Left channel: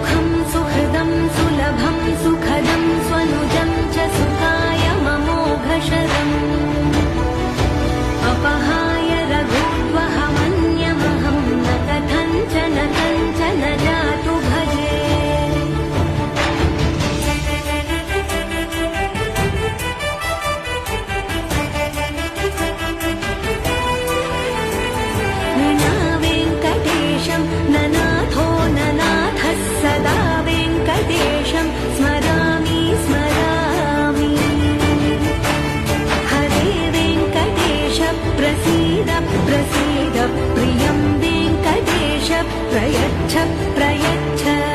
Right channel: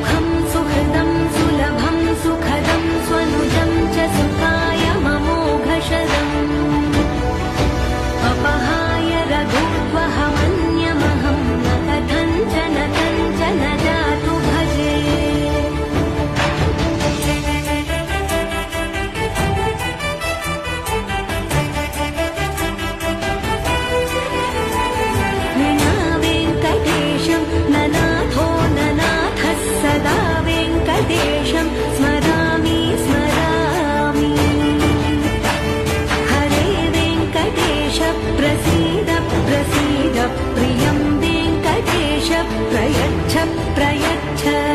सुखं सुहृदं सुलभं सुखदं स्वनुजं च सुखाय ममोघशरम् अपहाय रघुद्वहमन्यमहं न कथञ्चन कञ्चन जातु भजे। विना वेङ्कटेशं ननाथो ननाथः सदा वेङ्कटेशं स्मरामि स्मरामि। हरे वेङ्कटेश प्रसीद प्रसीद प्रियं वेङ्कटेश प्रयच्छ प्रयच्छ।